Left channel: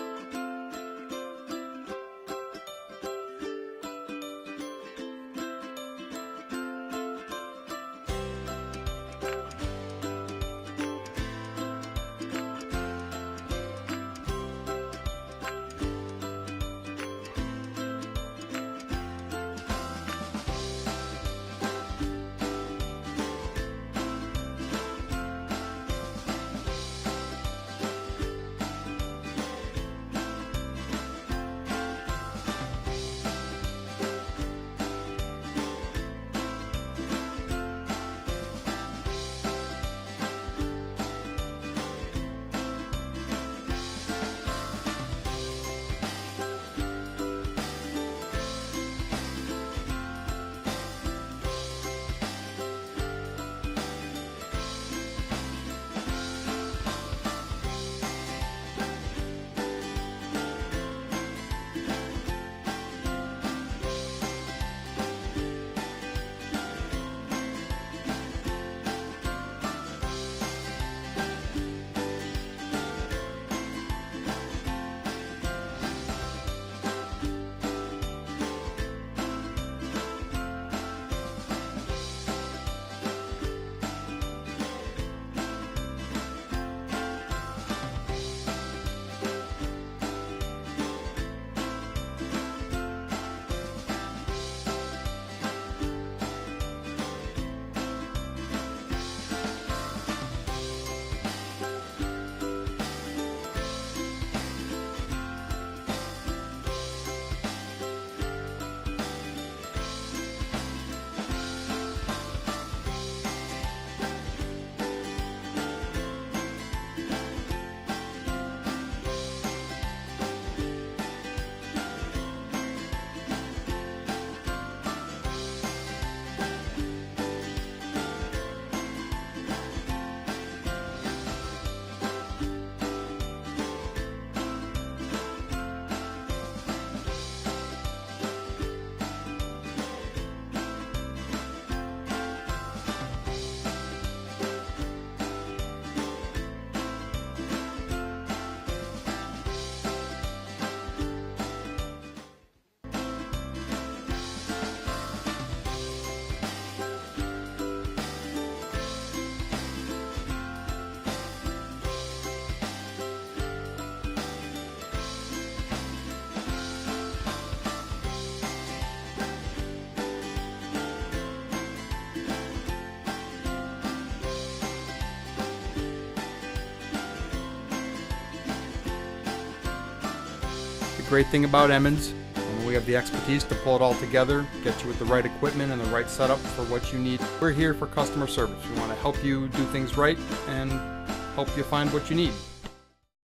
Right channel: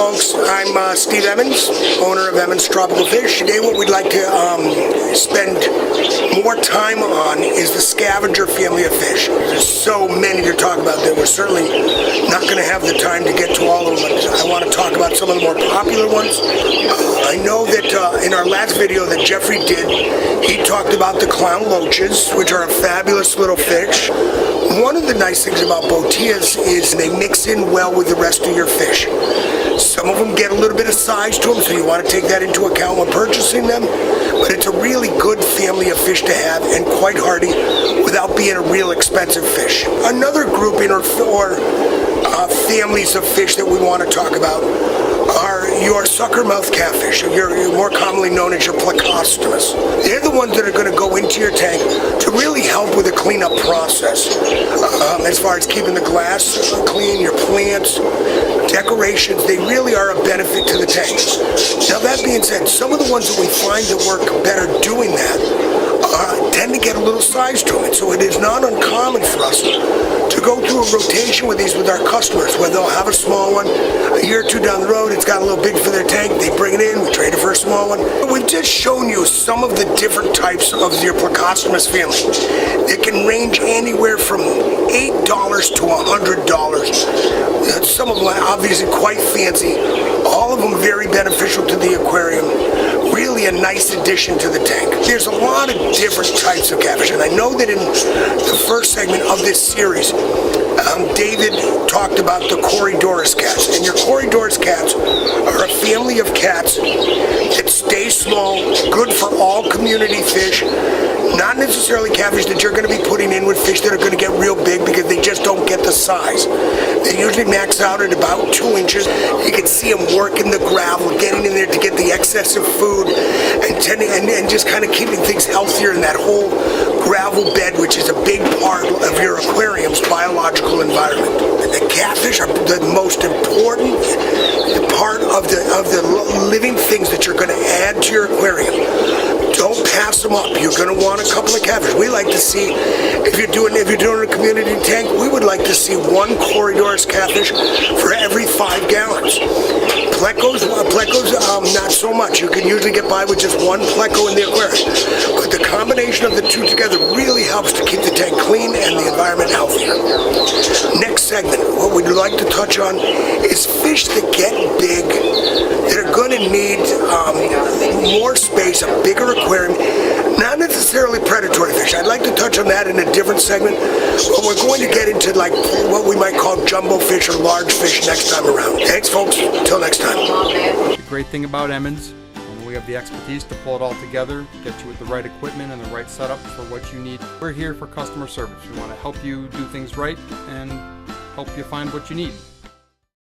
folks, I'm Steve Emmons, owner of Emmons Tropical Fish. Today what we'd like to spend more time on is the scavenger family of fish. There's so many to talk about that we're certainly not going to have the time to get to all of them, but I want to talk about some of the more popular ones. I know that in our last video that Jeffrey did, he talked about the clown loaches, which are a fabulous little fish. One of the nice things about botillas is they mix in well with the rest of your fish. Some of them get a little bit of size to them, so you want to take that into account when purchasing them. But it's a really good family of fish to have and quite hardy without being a real expensive fish. Another grouping or families of fish that we want to talk about are your sucker-mouth catfish. You're more commonly known as your plecostomus. They're the ones that are going to go into your tank to really help with the cleanup process. As far as keeping the glass clean, your plants, decorations, they really are a benefit to the tank. Now that being said, some of the ones that we find that work better doing that tend to get a little size to them. And so it is not uncommon for us to go through a rotation with these with our customers, where they'll have a small one, a year or two down the road, it's got a little big for their tank, they bring it in, we trade it for a small one. But we've just shown you some of the different types of your plecostomus family. It can range anywhere from $8 to $100. Some of them are obviously quite fancy, all of them very beneficial to the aquarium. Really a nice addition to the tank. There's a lot of different types of catfish, and I know that in the first segment of this series, David talked about the Corydoras cats, and your Corydoras cats are a family of cats that stay small, good for all community fish, not necessarily catfish that you're going to be putting in with fish that are going to get real big because they just don't get the size. They usually max out at about 2 inches. You can see them working the gravel, getting in there to get the excess of food, and just kind of keeping things healthier in that whole gravel bed, which is a big part of your aquarium's biological environment. The catfish are the most important part of the living things that you're going to add to your aquarium. Don't pass them up. You're going to want a couple of catfish. We like to see, if you're doing a community tank, we would like to see 1 Corydoras catfish for every 5 gallons. Plecos, not so much. You can usually get by with just 1 pleco in the aquarium. But the combination of the two together really helps to keep the tank clean and the environment healthier. Next segment, what we'd like to touch on is fish that get big, that are going to need more space, a bigger aquarium, not necessarily predatory fish. I'd like to touch on that in a different segment, but we're going to get into like what we might call jumbo fish or large fish next time around. Thanks, folks. Until next time. The great thing about Emmons, we have the expertise to pull it all together, get you with the right equipment and the right setup for what you need. We're here for customer service. We want to help you do things right and help you find what you need.